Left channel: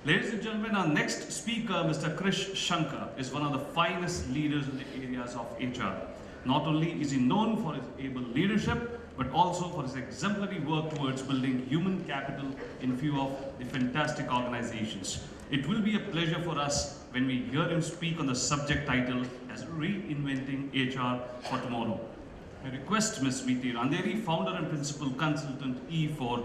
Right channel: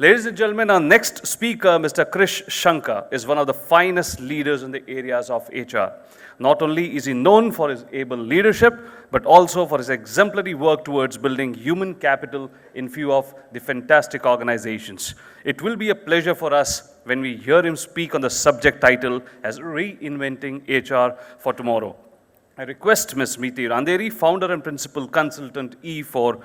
Ladies and gentlemen, our next speaker, Mr. Krish Sankar, is one of the finest leaders in the areas of HR. Not only is he known for his able leadership, but also for his exemplary work towards building human capital in few of the fantastic organizations. It will be a pleasure for us when we hear him speak on the subject title as Reinventing HR for Tomorrow. I request Ms. Meeti Randeri, founder and principal consultant E for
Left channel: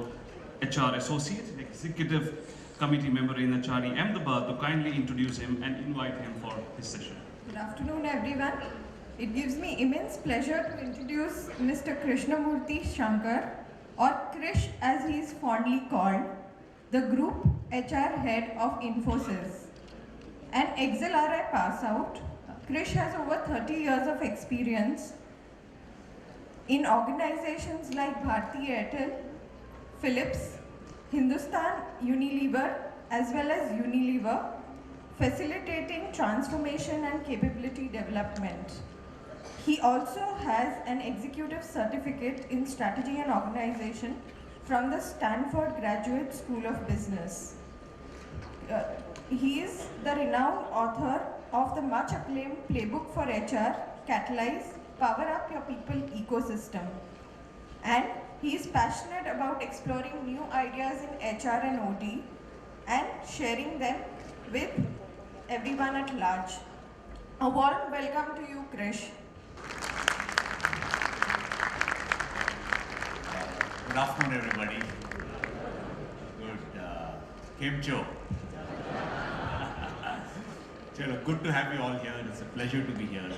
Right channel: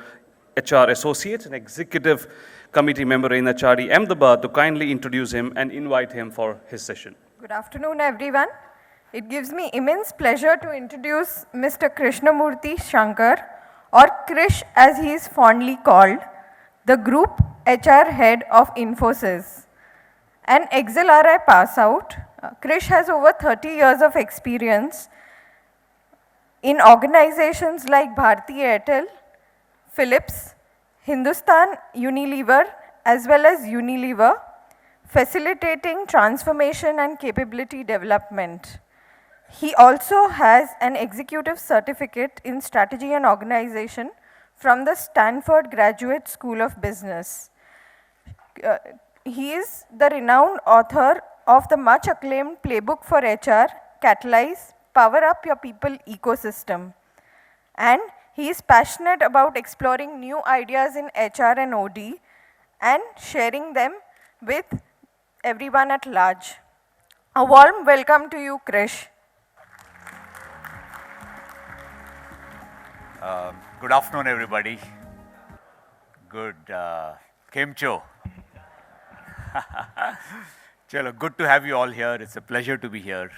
HR Associate and Executive Committee member in HRD Ahmedabad, to kindly introduce him and invite him for his session. Good afternoon, everyone. It gives me immense pleasure to introduce Mr. Krishnamurthy Shankar, or Krish as he is fondly called, the Group HR Head of Infosys. An XLRI pass out, Krish has over 30 years of experience in organizations like Bharti Airtel, Philips, Hindustan Unilever as well as Unilever, facilitating transformation and capability development. He also has an executive certificate in strategy and organization from the Stanford Graduate School of Business. He is the renowned author of the much acclaimed playbook for HR, Catalyze, Power Up Your People Ecosystem. And he is passionate about exploring new ideas in HR and OD and sharing them with everyone at large. A warm welcome to you, Krish. Good afternoon, everybody. Good. Kem Cho. Chalo, good to have you all here. It's a pleasure to be here.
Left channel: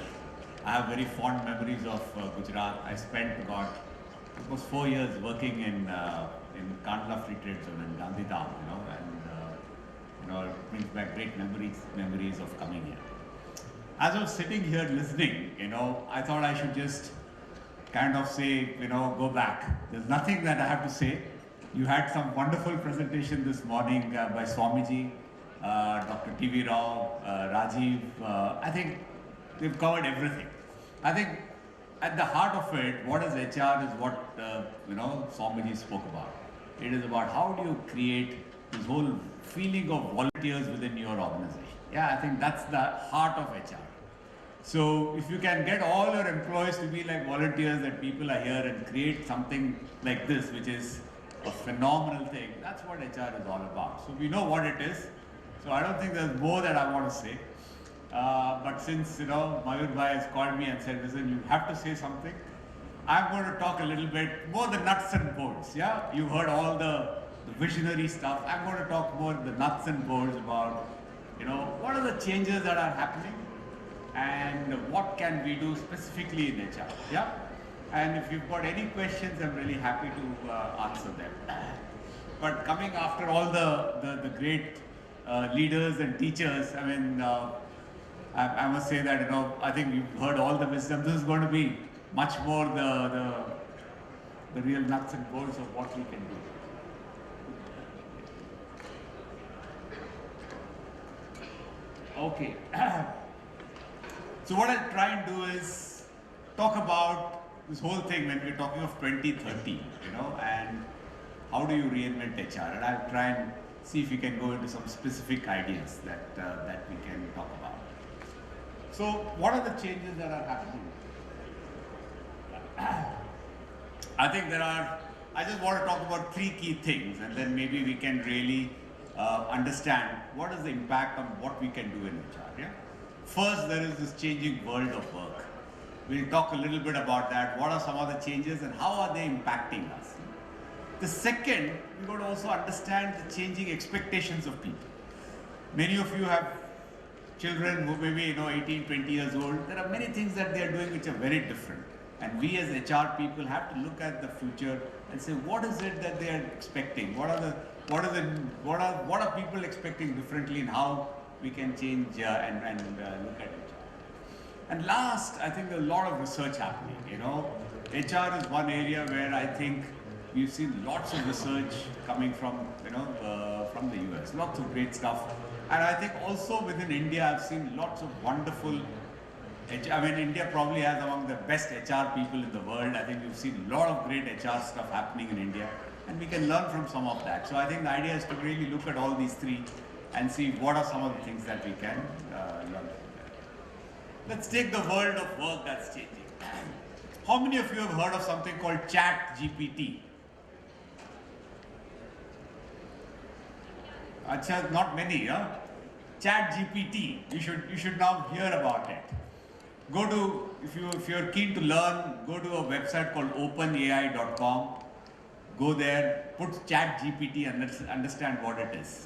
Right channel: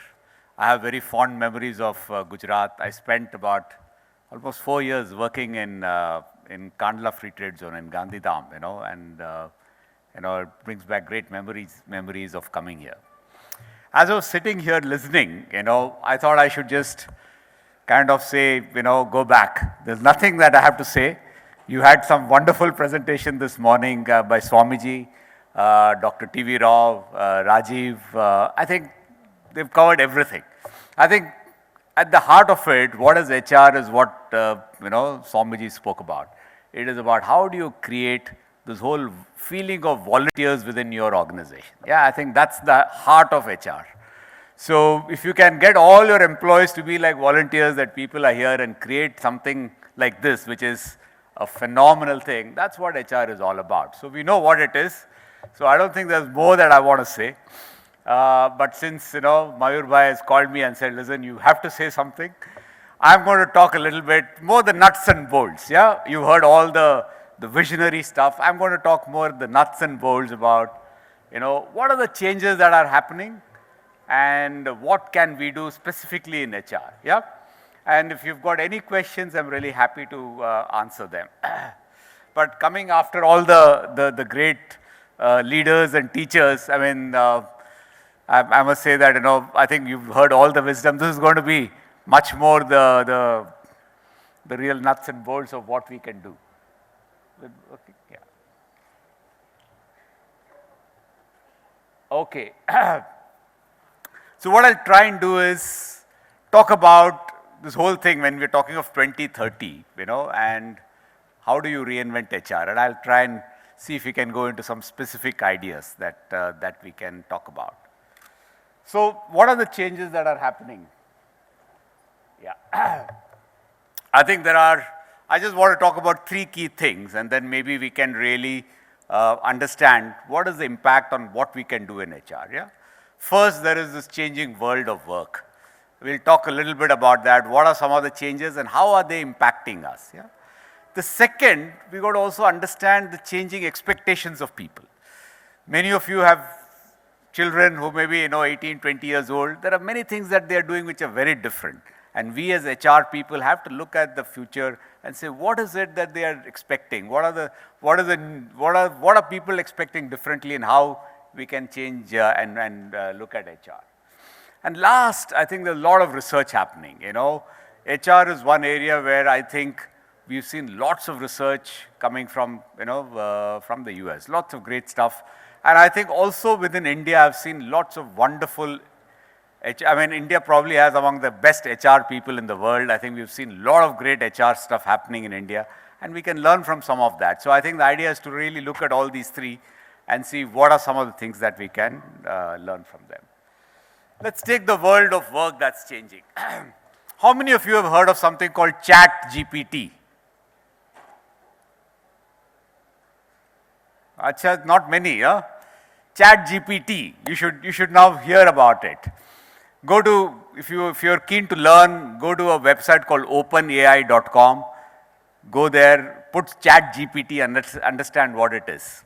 I have very fond memories of Gujarat. I spent about almost 4 years working in Kandla Free Trade Zone in Gandhidham, and it brings back great memories of coming here. As I was sitting here listening, I thought I should just kind of say, go back. There's nothing that I have to say. You had some wonderful presentation this morning by Swamiji, Dr. T.V. Rao, Rajiv. I think they've covered everything. I think at the heart of it, what is HR is what, Swamiji spoke about. It is about how do you create this whole feeling of volunteers within your organization. Yeah, I think that's the heart of HR. So if you can get all your employees to be like volunteers, that people are here and create something like this, which is a phenomenal thing, that's what HR is all about. So we know what it is. So I don't think there's more that I want to say. But since, Mayur Bhai has called me and said, listen, you have to say something, I'm going to talk a little bit more the nuts and bolts. Yeah, you heard all the visionary stuff. I'm going to talk more the nuts and bolts about, what are the changes that are happening and what can we do specifically in HR. Yeah, and if you've got any questions, I'm really happy to answer them. But coming after all the great leaders and teachers, I mean, I must say that, I think you've heard all the wisdom. This is going to be much more the real nuts and bolts of what we can do. Okay. So what I'll try and do is talk about this whole thing when we're talking of 2030, and how do you reinvent HR? And I'll try and see if we can go into some specific ideas that we can talk about. So what are the changes that are happening? Yeah. I think I just want to talk about 3 key things, and then maybe we can really understand what is the impact on what we can do in HR. Yeah. First, there is this changing world of work. We'll talk a little bit about that. What are some of the changes and how are they impacting us? Yeah. The second, we got to also understand the changing expectations of people. Many of you have children who may be 18, 20 years old. There are many things that they are doing which are very different. And we as HR people have to look at the future and say, what is it that they are expecting? What are people expecting differently, and how we can change and look at HR. And last, I think there's a lot of research happening. HR is one area where I think we've seen lots of research coming from from the US, lots of great stuff. And I think also within India, I've seen lots of wonderful India probably has among the best HR people in the world. I think we've seen a lot of great HR stuff happening in India, and we can learn from some of that. So I think the idea is to really look at all these 3 and see what are some of the things that we can learn from them. Let's take the world of work that's changing. How many of you have heard of something called Chat GPT? Achha, not many, huh? Chat GPT, you should now hear about it. Go to, if you're keen to learn, go to a website called openai.com. Go there, put Chat GPT and understand what it is.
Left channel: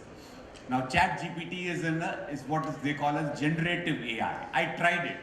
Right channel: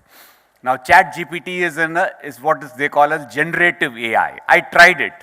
Now Chat GPT is what they call as generative AI. I tried it.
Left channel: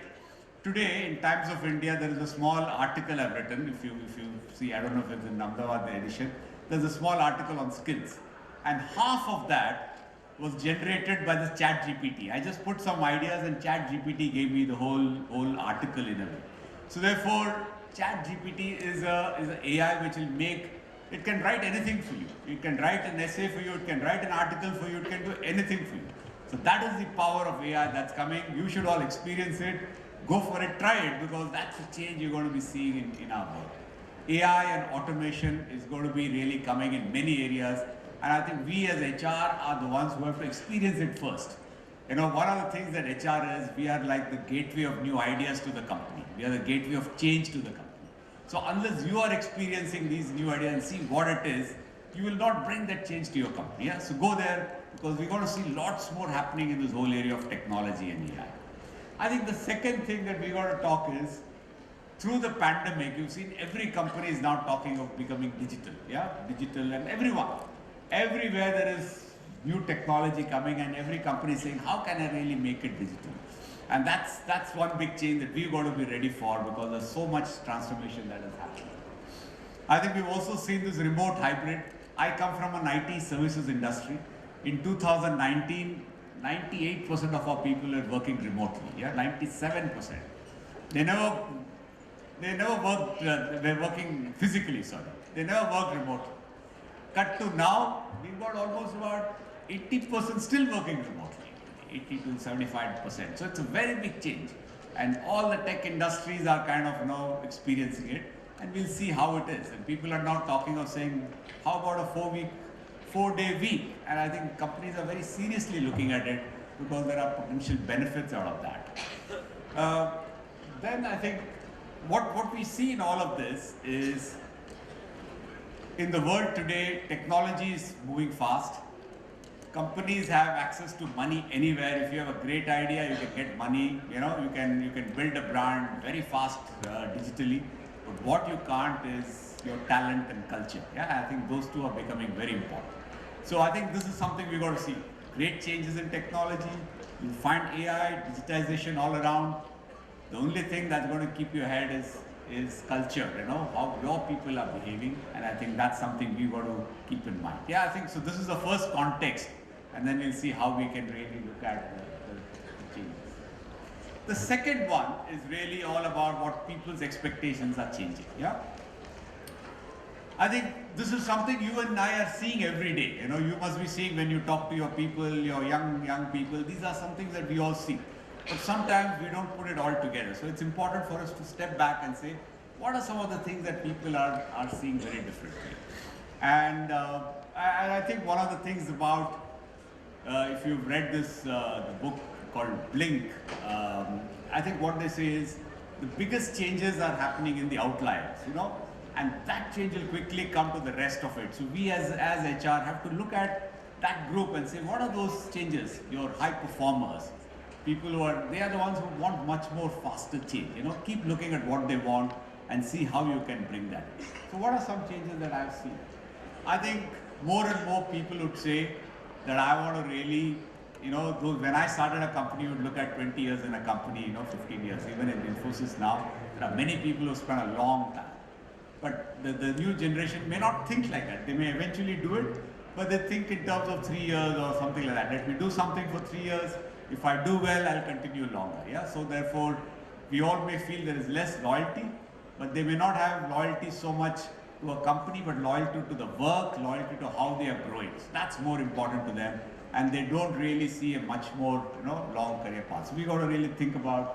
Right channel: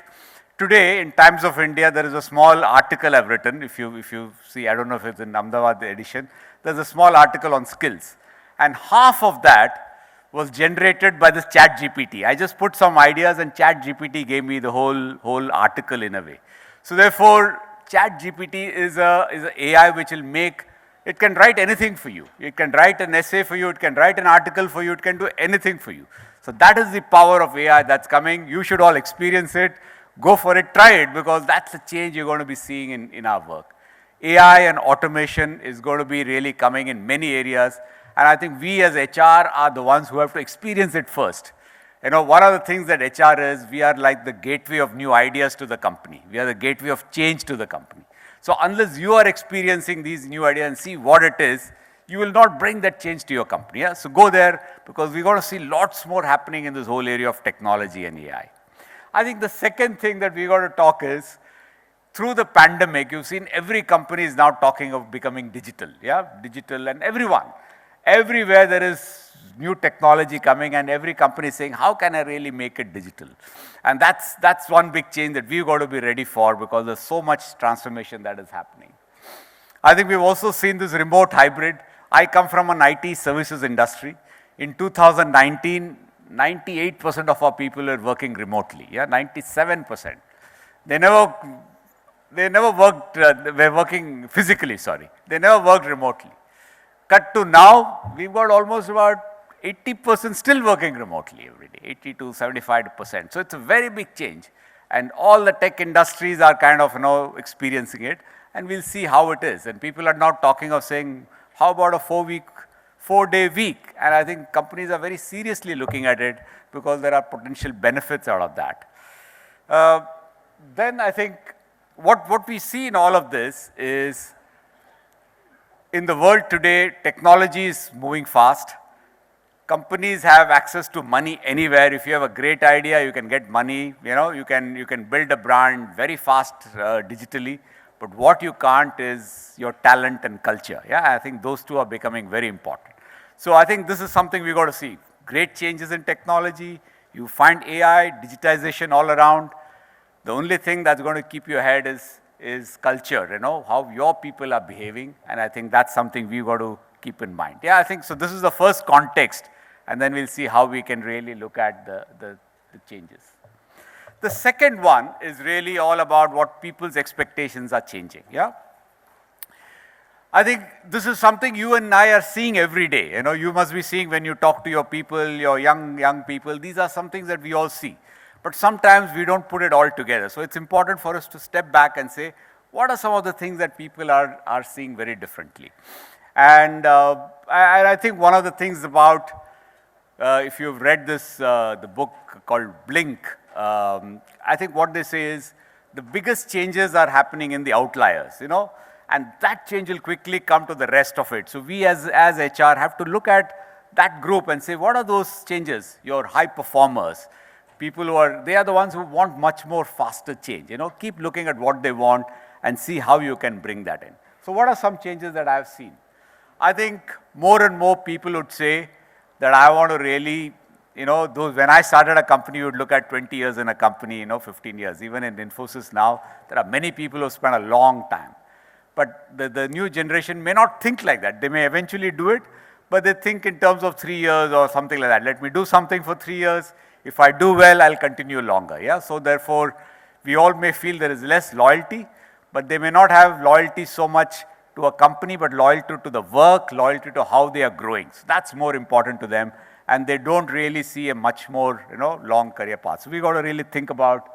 Today, in Times of India, there is a small article I've written. If you see, I don't know if it's in Ahmedabad edition, there's a small article on skills. And half of that was generated by this Chat GPT. I just put some ideas and Chat GPT gave me the whole article in a way. So therefore, Chat GPT is an AI which will make, it can write anything for you. It can write an essay for you, it can write an article for you, it can do anything for you. So that is the power of AI that's coming. You should all experience it. Go for it, try it, because that's the change you're going to be seeing in our work. AI and automation is going to be really coming in many areas. And I think we as HR are the ones who have to experience it first. You know, one of the things that HR is, we are like the gateway of new ideas to the company. We are the gateway of change to the company. So unless you are experiencing these new ideas and see what it is, you will not bring that change to your company. Yeah? So go there, because we're going to see lots more happening in this whole area of technology and AI. I think the second thing that we're going to talk is, through the pandemic, you've seen every company is now talking of becoming digital. Yeah, digital, and everyone. Everywhere there is new technology coming, and every company is saying, how can I really make it digital? And that's one big change that we've got to be ready for, because there's so much transformation that is happening. I think we've also seen this remote hybrid. I come from an IT services industry. In 2019, 98% of our people were working remotely. Yeah, 97%. They never worked, were working physically, sorry. They never worked remotely. Cut to now, we've got almost about 80% still working remotely every day, 80 to 75%. So it's a very big change. And all the tech industries are kind of, experiencing it. And we'll see how it is. And people are now talking of saying, how about a 4-day week? And I think companies are very seriously looking at it, because there are potential benefits out of that. Then I think what we see in all of this is, in the world today, technology is moving fast. Companies have access to money anywhere. If you have a great idea, you can get money. You can build a brand very fast digitally. But what you can't is your talent and culture. Yeah, I think those two are becoming very important. So I think this is something we got to see. Great changes in technology. You find AI, digitization all around. The only thing that's going to keep you ahead is culture, how your people are behaving. And I think that's something we've got to keep in mind. Yeah, I think so. This is the first context, and then we'll see how we can really look at the changes. The second one is really all about what people's expectations are changing. Yeah. I think this is something you and I are seeing every day. You must be seeing when you talk to your people, your young people. These are some things that we all see. But sometimes we don't put it all together. So it's important for us to step back and say, what are some of the things that people are seeing very differently? And I think one of the things about, if you've read the book called Blink, I think what they say is, the biggest changes are happening in the outliers, and that change will quickly come to the rest of it. So we as HR have to look at that group and say, what are those changes? Your high performers, people they are the ones who want much more faster change. Keep looking at what they want and see how you can bring that in. So what are some changes that I've seen? I think more and more people would say that I want to really, when I started a company, you would look at 20 years in a company, 15 years. Even in Infosys now, there are many people who spend a long time. But the new generation may not think like that. They may eventually do it, but they think in terms of 3 years or something like that. Let me do something for 3 years. If I do well, I'll continue longer. Yeah. So therefore, we all may feel there is less loyalty, but they may not have loyalty so much to a company, but loyalty to the work, loyalty to how they are growing. So that's more important to them, and they don't really see a much more, long career path. So we got to really think about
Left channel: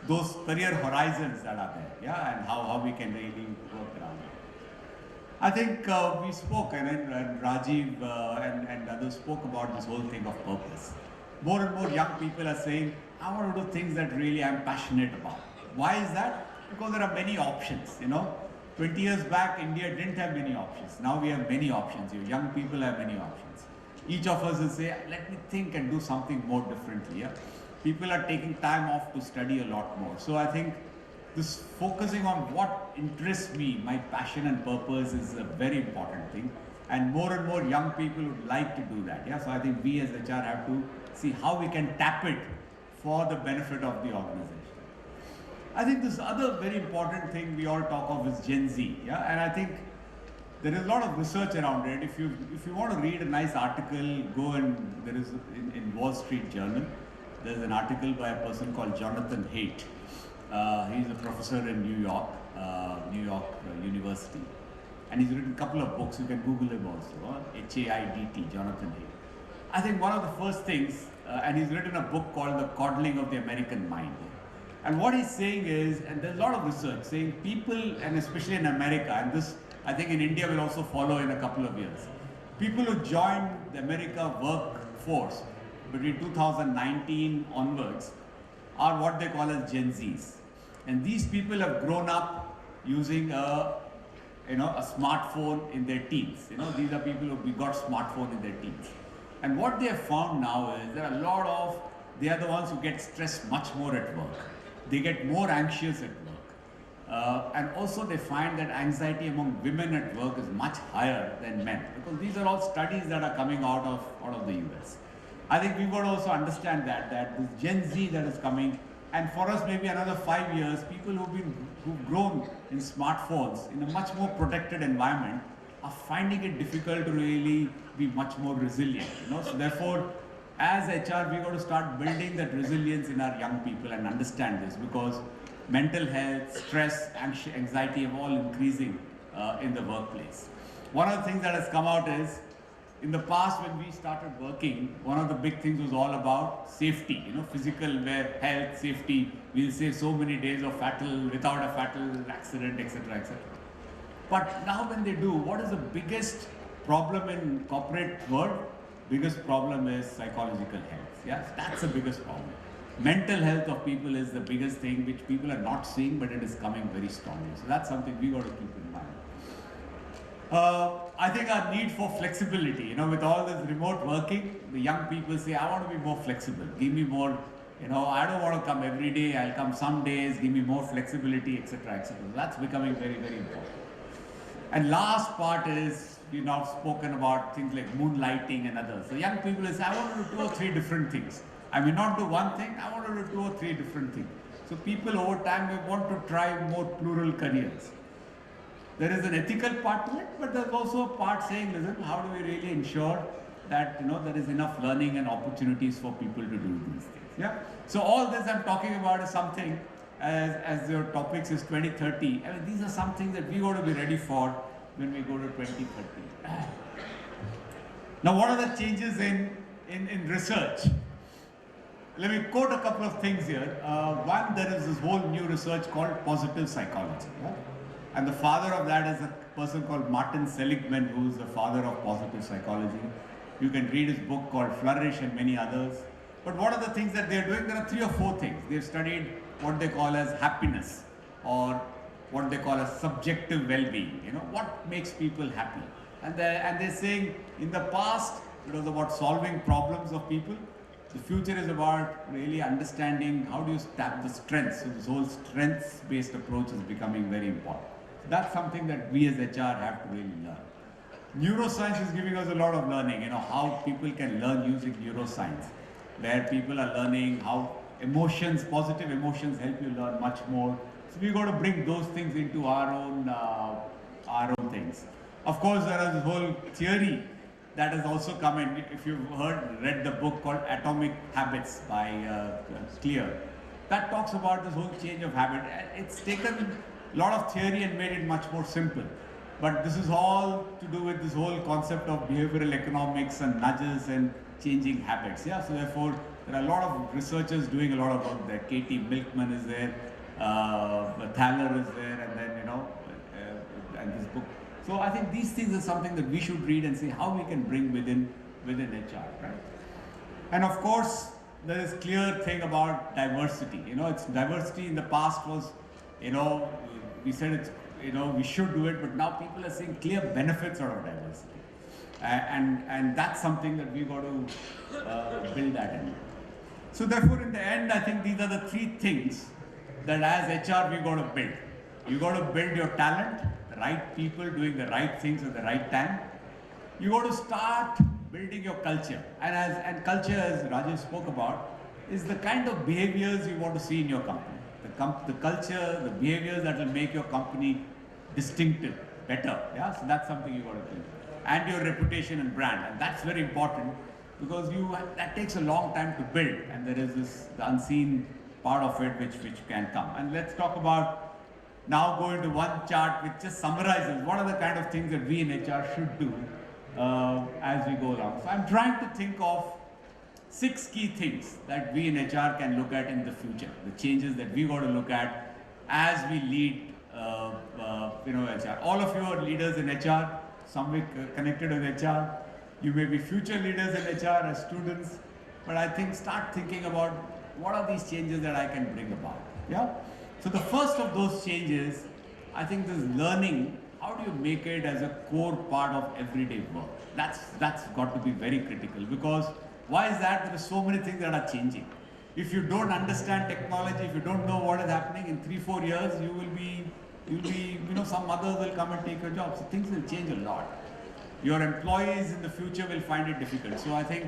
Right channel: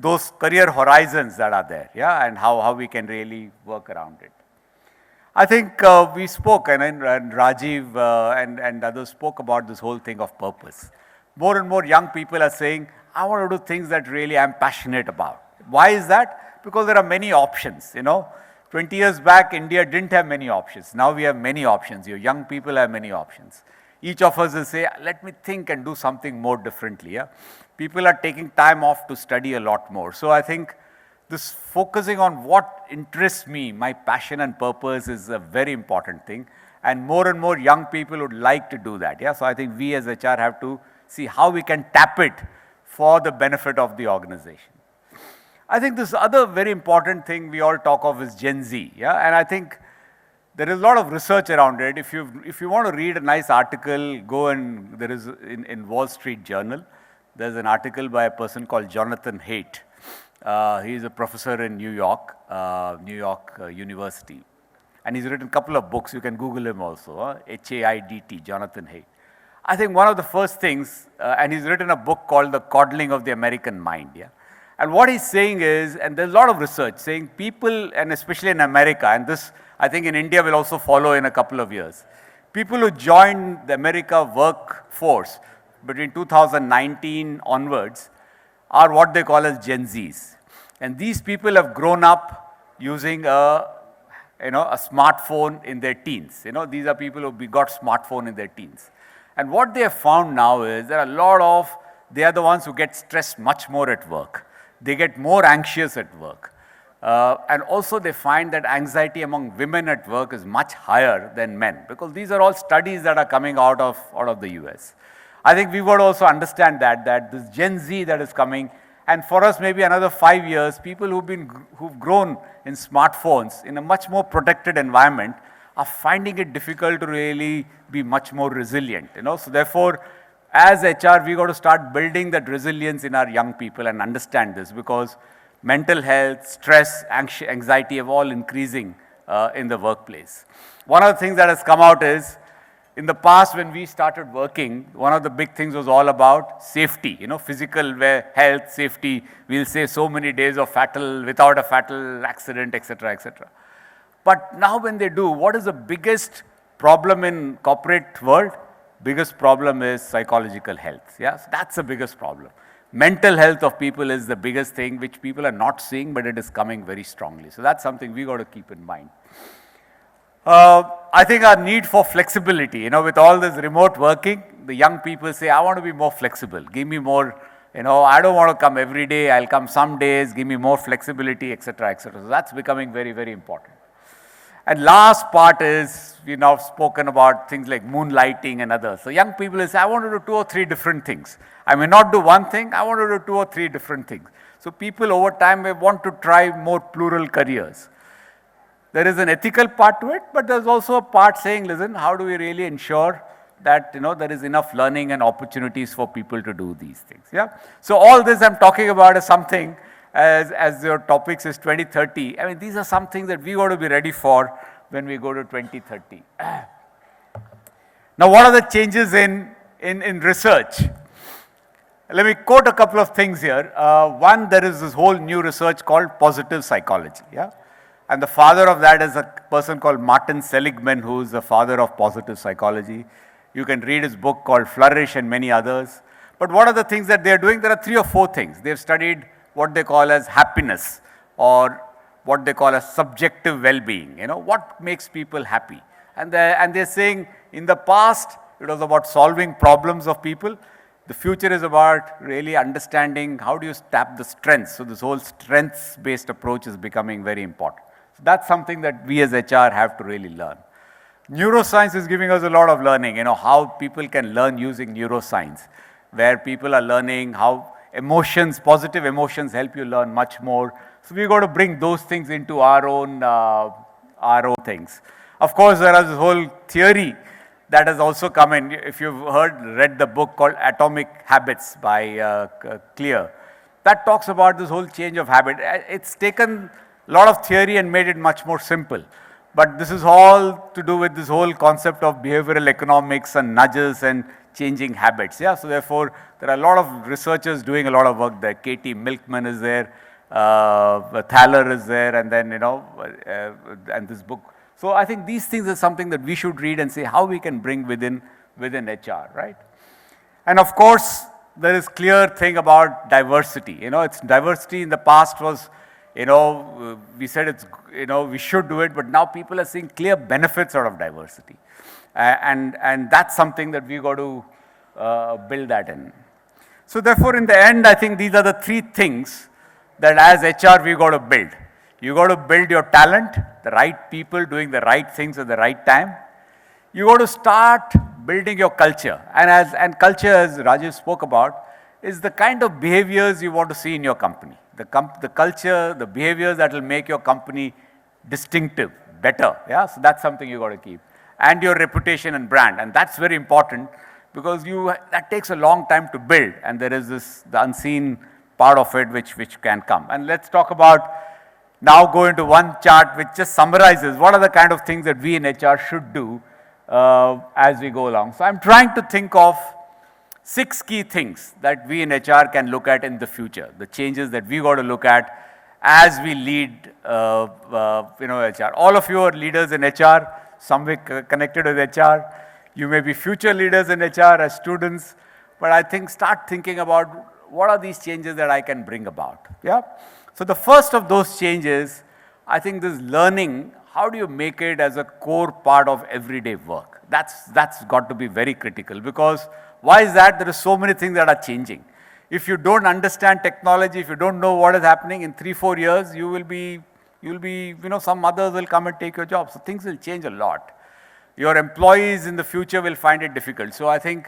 those career horizons that are there, yeah, and how we can really work around it. I think we spoke, and Rajiv and others spoke about this whole thing of purpose. More and more young people are saying, I want to do things that really I'm passionate about. Why is that? Because there are many options, 20 years back, India didn't have many options. Now we have many options. Your young people have many options. Each of us will say, let me think and do something more differently. Yeah? People are taking time off to study a lot more. So I think this focusing on what interests me, my passion and purpose is a very important thing. And more young people would like to do that. Yeah? So I think we as HR have to see how we can tap it for the benefit of the organization. I think this other very important thing we all talk of is Gen Z. Yeah? And I think there is a lot of research around it. If you want to read a nice article, go and there is in Wall Street Journal, there's an article by a person called Jonathan Haidt. He's a professor in New York University. And he's written a couple of books. You can Google him also, H-A-I-D-T, Jonathan Haidt. I think one of the first things, and he's written a book called The Coddling of the American Mind. Yeah? And what he's saying is, and there's a lot of research saying people, and especially in America, and this I think in India will also follow in a couple of years, people who joined the America workforce between 2019 onwards are what they call as Gen Zs. And these people have grown up using a smartphone in their teens. These are people who got smartphone in their teens. And what they have found now is there are they are the ones who get stressed much more at work. They get more anxious at work. And also they find that anxiety among women at work is much higher than men, because these are all studies that are coming out of the US. I think we've got to also understand that this Gen Z that is coming, and for us maybe another 5 years, people who've grown in smartphones in a much more protected environment are finding it difficult to really be much more resilient. So therefore, as HR, we got to start building that resilience in our young people and understand this, because mental health, stress, anxiety are all increasing in the workplace. One of the things that has come out is, in the past when we started working, one of the big things was all about safety, physical health, safety. We'll say so many days without a fatal accident, etc., etc. But now when they do, what is the biggest problem in corporate world? Biggest problem is psychological health. Yeah, that's the biggest problem. Mental health of people is the biggest thing which people are not seeing, but it is coming very strongly. So that's something we got to keep in mind. I think our need for flexibility, with all this remote working, the young people say, I want to be more flexible. Give me more, I don't want to come every day. I'll come some days. Give me more flexibility, etc., etc. So that's becoming very, very important. And last part is, we've now spoken about things like moonlighting and others. So young people say, I want to do 2 or 3 different things. I may not do one thing, I want to do 2 or 3 different things. So people over time may want to try more plural careers. There is an ethical part to it, but there's also a part saying, listen, how do we really ensure that there is enough learning and opportunities for people to do these things? Yeah. So all this I'm talking about is something, as your topics is 2030. I mean, these are some things that we got to be ready for when we go to 2030. Now, what are the changes in research? Let me quote a couple of things here. One, there is this whole new research called positive psychology. Yeah? And the father of that is a person called Martin Seligman, who is the father of positive psychology. You can read his book called Flourish and many others. But what are the things that they are doing? There are 3 or 4 things. They've studied what they call as happiness, or what they call as subjective well-being. What makes people happy? And they're saying in the past, it was about solving problems of people. The future is about really understanding how do you tap the strengths. So this whole strengths-based approach is becoming very important. That's something that we as HR have to really learn. Neuroscience is giving us a lot of learning, how people can learn using neuroscience, where people are learning how positive emotions help you learn much more. So we've got to bring those things into our own things. Of course, there is this whole theory that has also come in. If you've read the book called Atomic Habits by Clear, that talks about this whole change of habit. It's taken a lot of theory and made it much more simple. But this is all to do with this whole concept of behavioral economics and nudges and changing habits. Yeah, so therefore, there are a lot of researchers doing a lot of work there. Katie Milkman is there, Thaler is there, and then, and this book. So I think these things are something that we should read and say how we can bring within HR, right? And of course, there is clear thing about diversity. It's diversity in the past was, we said it's, we should do it, but now people are seeing clear benefits out of diversity. And that's something that we got to build that in. So therefore, in the end, I think these are the three things that as HR we got to build. You got to build your talent, the right people doing the right things at the right time. You got to start building your culture. And culture, as Rajesh spoke about, is the kind of behaviors you want to see in your company. The culture, the behaviors that will make your company distinctive, better. Yeah, so that's something you got to keep. And your reputation and brand, and that's very important because that takes a long time to build, and there is the unseen part of it which can come. And let's talk about now go into one chart which just summarizes what are the kind of things that we in HR should do as we go along. So I'm trying to think of 6 key things that we in HR can look at in the future, the changes that we got to look at as we lead HR. All of you are leaders in HR, some way connected with HR. You may be future leaders in HR as students, but I think start thinking about what are these changes that I can bring about. Yeah. So the first of those changes, I think this learning, how do you make it as a core part of everyday work? That's got to be very critical, because why is that? There are so many things that are changing. If you don't understand technology, if you don't know what is happening in 3-4 years, you'll be, some others will come and take your job. So things will change a lot. Your employees in the future will find it difficult. So I think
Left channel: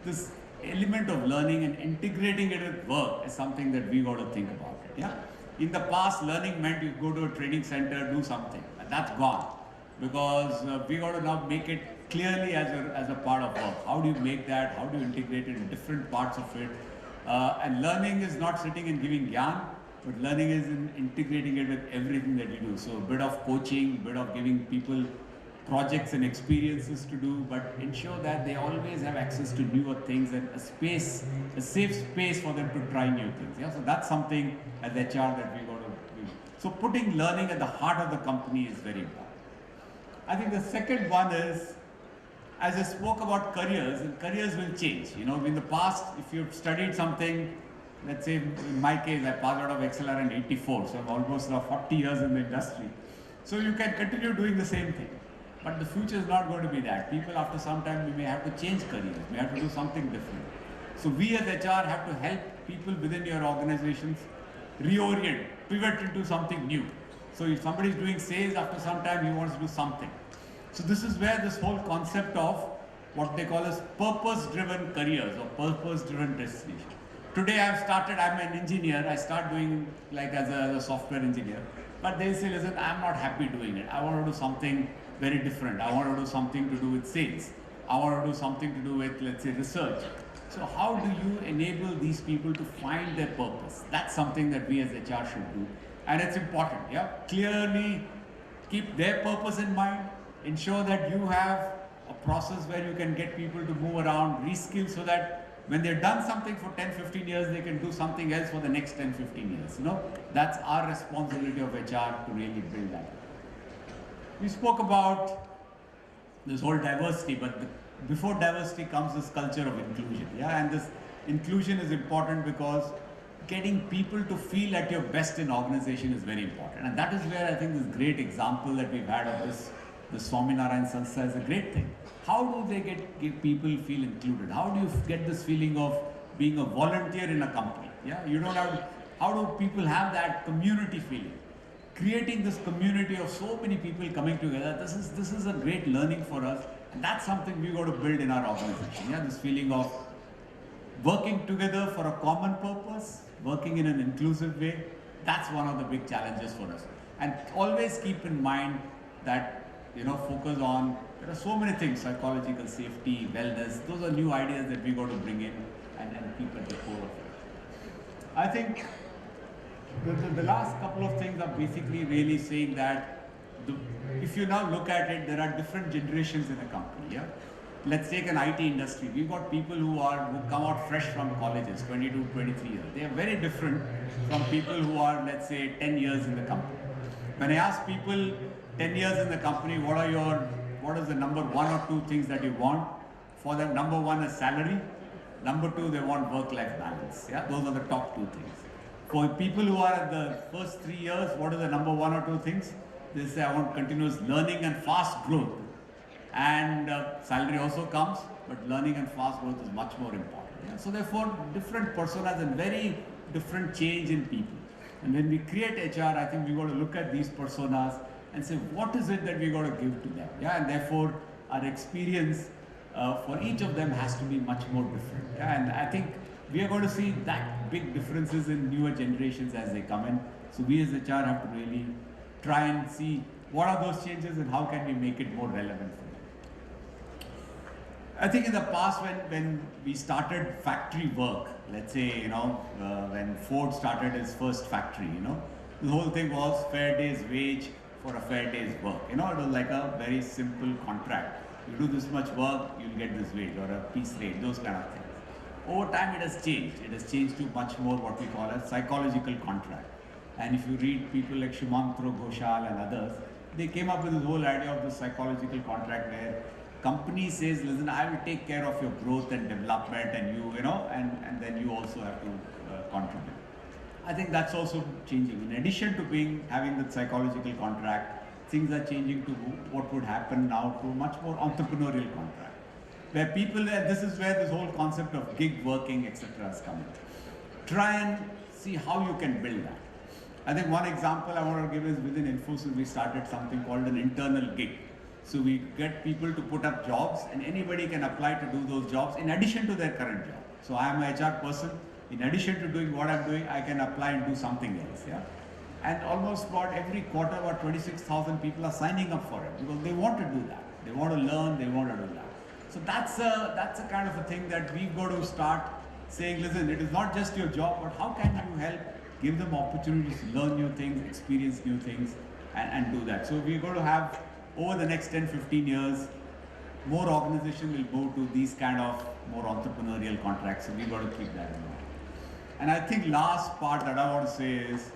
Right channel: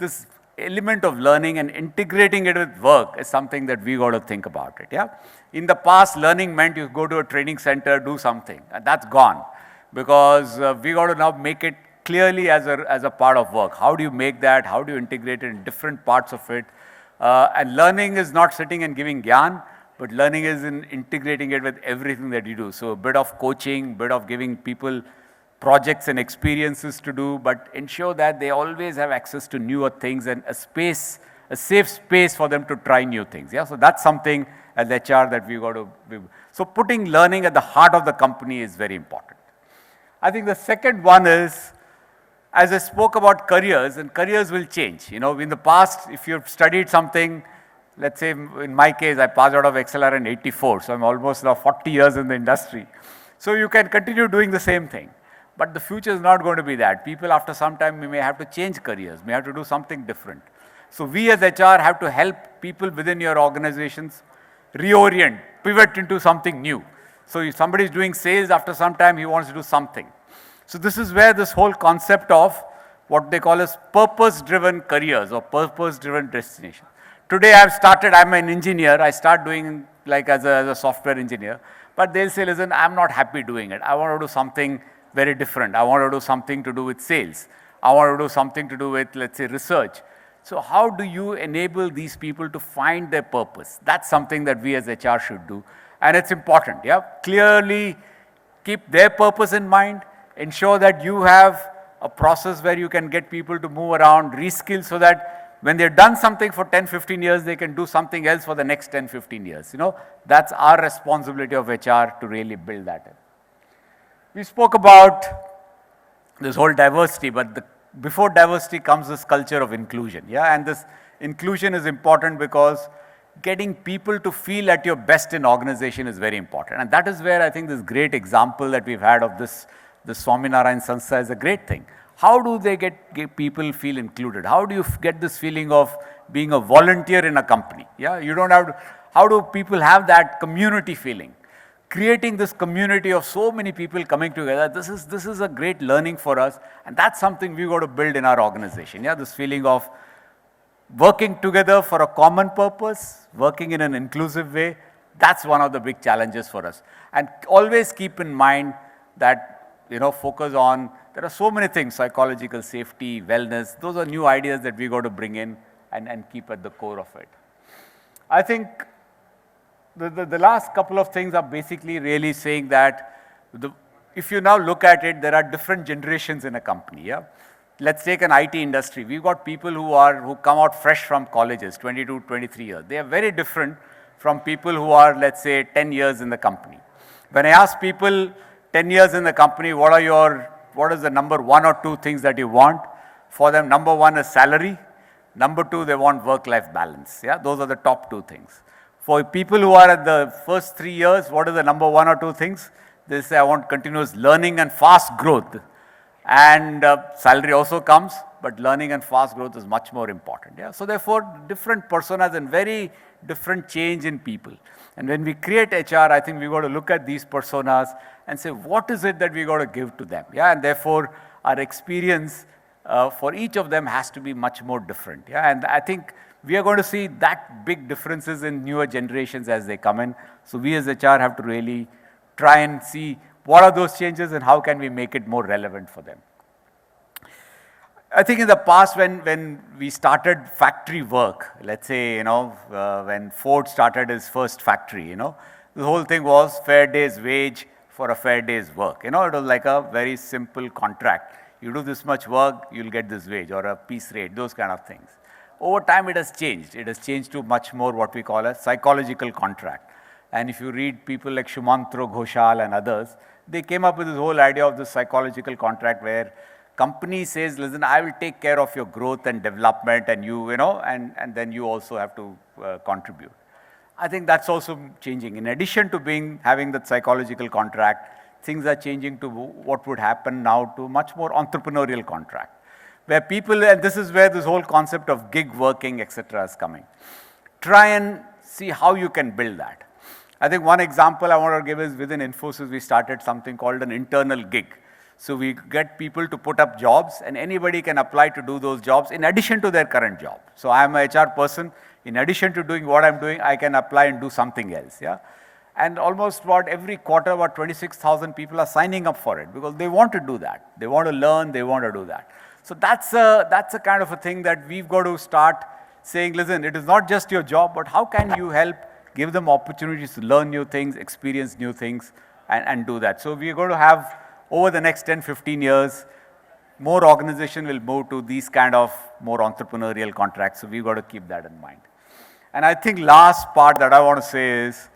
this element of learning and integrating it with work is something that we got to think about it. Yeah. In the past, learning meant you go to a training center, do something, and that's gone, because we got to now make it clearly as a part of work. How do you make that? How do you integrate it in different parts of it? And learning is not sitting and giving gyan, but learning is in integrating it with everything that you do. So a bit of coaching, bit of giving people projects and experiences to do, but ensure that they always have access to newer things and a safe space for them to try new things. Yeah, so that's something as HR that we got to be. So putting learning at the heart of the company is very important. I think the second one is, as I spoke about careers, and careers will change. In the past, if you've studied something, let's say in my case, I passed out of XLR in 84, so I'm almost now 40 years in the industry. So you can continue doing the same thing. But the future is not going to be that. People after some time, we may have to change careers, may have to do something different. So we as HR have to help people within your organizations reorient, pivot into something new. So if somebody is doing sales, after some time he wants to do something. So this is where this whole concept of what they call as purpose-driven careers or purpose-driven destination. Today I'm an engineer, I start doing like as a software engineer, but they'll say, listen, I'm not happy doing it. I want to do something very different. I want to do something to do with sales. I want to do something to do with, let's say, research. So how do you enable these people to find their purpose? That's something that we as HR should do. And it's important, yeah. Clearly keep their purpose in mind. Ensure that you have a process where you can get people to move around, reskill, so that when they've done something for 10-15 years, they can do something else for the next 10-15 years. That's our responsibility of HR to really build that. We spoke about this whole diversity, but before diversity comes this culture of inclusion. Yeah, and this inclusion is important because getting people to feel at your best in organization is very important. And that is where I think this great example that we've had of this Swaminarayan Sanstha is a great thing. How do they get people feel included? How do you get this feeling of being a volunteer in a company? Yeah, you don't have to, how do people have that community feeling? Creating this community of so many people coming together, this is a great learning for us, and that's something we got to build in our organization. Yeah, this feeling of working together for a common purpose, working in an inclusive way, that's one of the big challenges for us. And always keep in mind that, focus on, there are so many things, psychological safety, wellness, those are new ideas that we got to bring in and keep at the core of it. I think the last couple of things are basically really saying that if you now look at it, there are different generations in a company. Yeah, let's take an IT industry. We've got people who come out fresh from colleges, 22, 23 years. They are very different from people who are, let's say, 10 years in the company. When I ask people, 10 years in the company, what is the number 1 or 2 things that you want? For them, number 1 is salary. Number 2, they want work-life balance. Yeah, those are the top 2 things. For people who are at the first 3 years, what is the number 1 or 2 things? They say, I want continuous learning and fast growth. And salary also comes, but learning and fast growth is much more important. Yeah? So therefore, different personas and very different change in people. And when we create HR, I think we got to look at these personas and say, what is it that we got to give to them? Yeah, and therefore, our experience for each of them has to be much more different. Yeah, and I think we are going to see that big differences in newer generations as they come in. So we as HR have to really try and see what are those changes and how can we make it more relevant for them. I think in the past when we started factory work, let's say, when Ford started his first factory, the whole thing was fair day's wage for a fair day's work. It was like a very simple contract. You do this much work, you'll get this wage or a piece rate, those kind of things. Over time it has changed. It has changed to much more what we call a psychological contract. And if you read people like Shumantro Ghoshal and others, they came up with this whole idea of the psychological contract where company says, listen, I will take care of your growth and development and and then you also have to contribute. I think that's also changing. In addition to having that psychological contract, things are changing to what would happen now to much more entrepreneurial contract. Where people, and this is where this whole concept of gig working, etc. is coming. Try and see how you can build that. I think one example I want to give is within Infosys, we started something called an internal gig. So we get people to put up jobs and anybody can apply to do those jobs in addition to their current job. So I am a HR person. In addition to doing what I'm doing, I can apply and do something else. Yeah. And almost every quarter, 26,000 people are signing up for it because they want to do that. They want to learn, they want to do that. So that's a kind of a thing that we've got to start saying, listen, it is not just your job, but how can you help give them opportunities to learn new things, experience new things, and do that. So we're going to have, over the next 10, 15 years, more organization will move to these kind of more entrepreneurial contracts. So we've got to keep that in mind. And I think last part that I want to say is,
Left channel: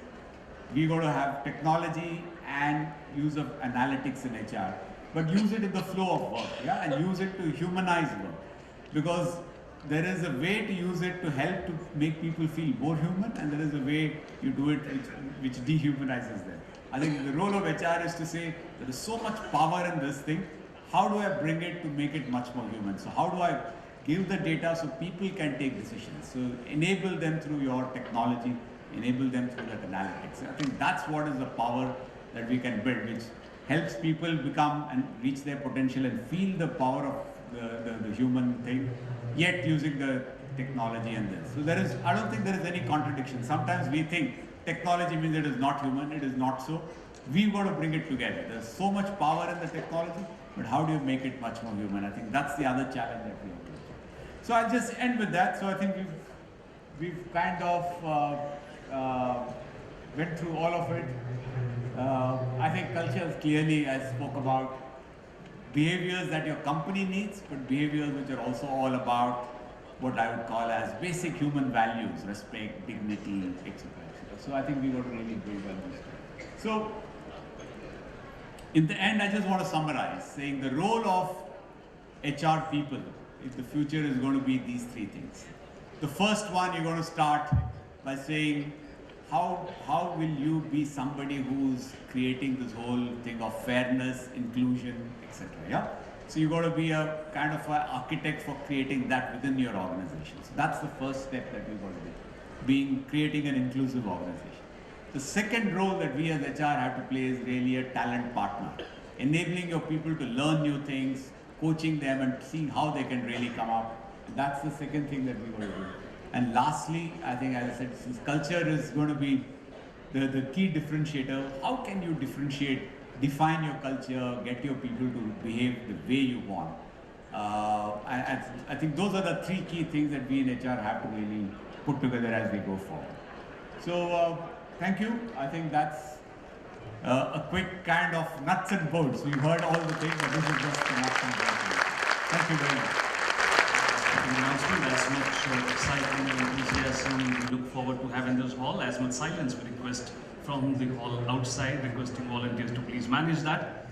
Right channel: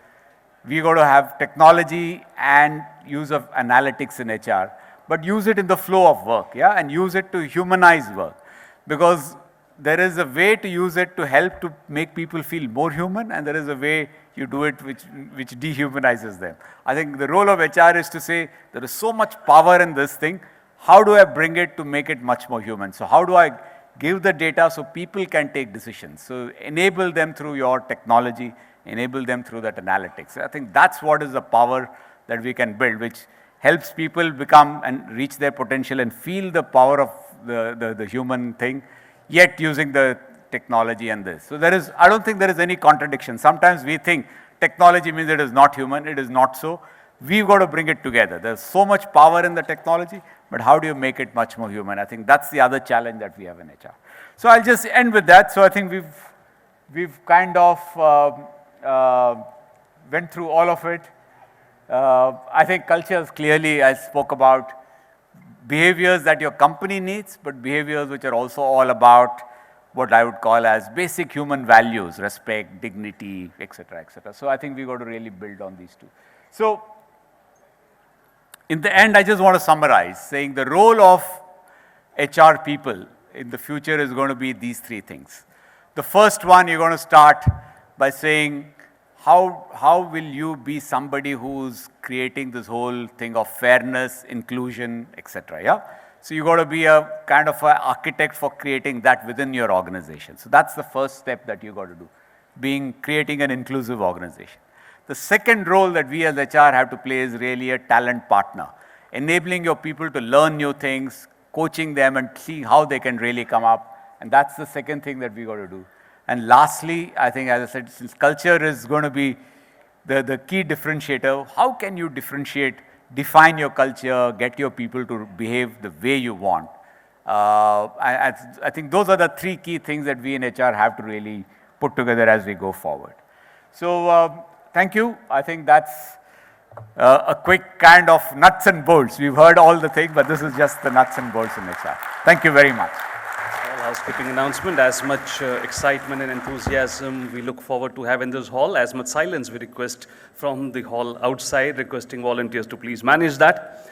we're going to have technology and use of analytics in HR, but use it in the flow of work, yeah, and use it to humanize work. Because there is a way to use it to help to make people feel more human, and there is a way you do it which dehumanizes them. I think the role of HR is to say, there is so much power in this thing, how do I bring it to make it much more human? So how do I give the data so people can take decisions? So enable them through your technology, enable them through that analytics. I think that's what is the power that we can build, which helps people become and reach their potential and feel the power of the human thing, yet using the technology and this. So I don't think there is any contradiction. Sometimes we think technology means it is not human. It is not so. We've got to bring it together. There's so much power in the technology, but how do you make it much more human? I think that's the other challenge that we have in HR. So I'll just end with that. So I think we've kind of went through all of it. I think cultures, clearly I spoke about behaviors that your company needs, but behaviors which are also all about what I would call as basic human values, respect, dignity, etc., etc. So I think we've got to really build on these. So in the end, I just want to summarize, saying the role of HR people in the future is going to be these 3 things. The first one, you're going to start by saying, how will you be somebody who's creating this whole thing of fairness, inclusion, etc. Yeah. So you got to be a kind of an architect for creating that within your organization. So that's the first step that you got to do, creating an inclusive organization. The second role that we as HR have to play is really a talent partner, enabling your people to learn new things, coaching them and seeing how they can really come up. And that's the second thing that we got to do. And lastly, I think, as I said, since culture is going to be the key differentiator, how can you define your culture, get your people to behave the way you want? I think those are the 3 key things that we in HR have to really put together as we go forward. So thank you. I think that's a quick kind of nuts and bolts. We've heard all the things, but this is just the nuts and bolts in HR. Thank you very much. Housekeeping announcement, as much excitement and enthusiasm we look forward to have in this hall, as much silence we request from the hall outside, requesting volunteers to please manage that.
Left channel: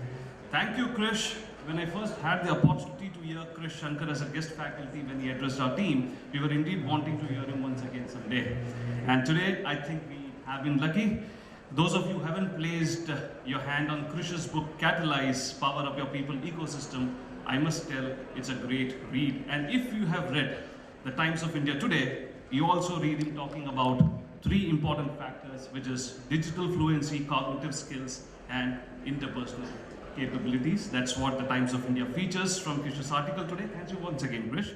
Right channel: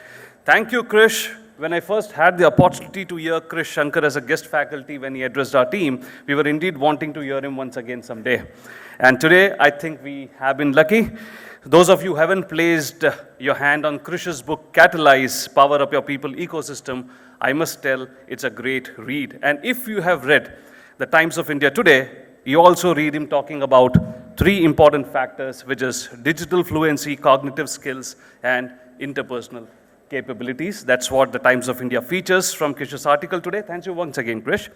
Thank you, Krish. When I first had the opportunity to hear Krish Sankar as a guest faculty when he addressed our team, we were indeed wanting to hear him once again someday. And today, I think we have been lucky. Those of you who haven't placed your hand on Krish's book, Catalyze, Power Up Your People Ecosystem, I must tell, it's a great read. And if you have read The Times of India Today, you also read him talking about 3 important factors, which is digital fluency, cognitive skills, and interpersonal capabilities. That's what the Times of India features from Krish's article today. Thank you once again, Krish.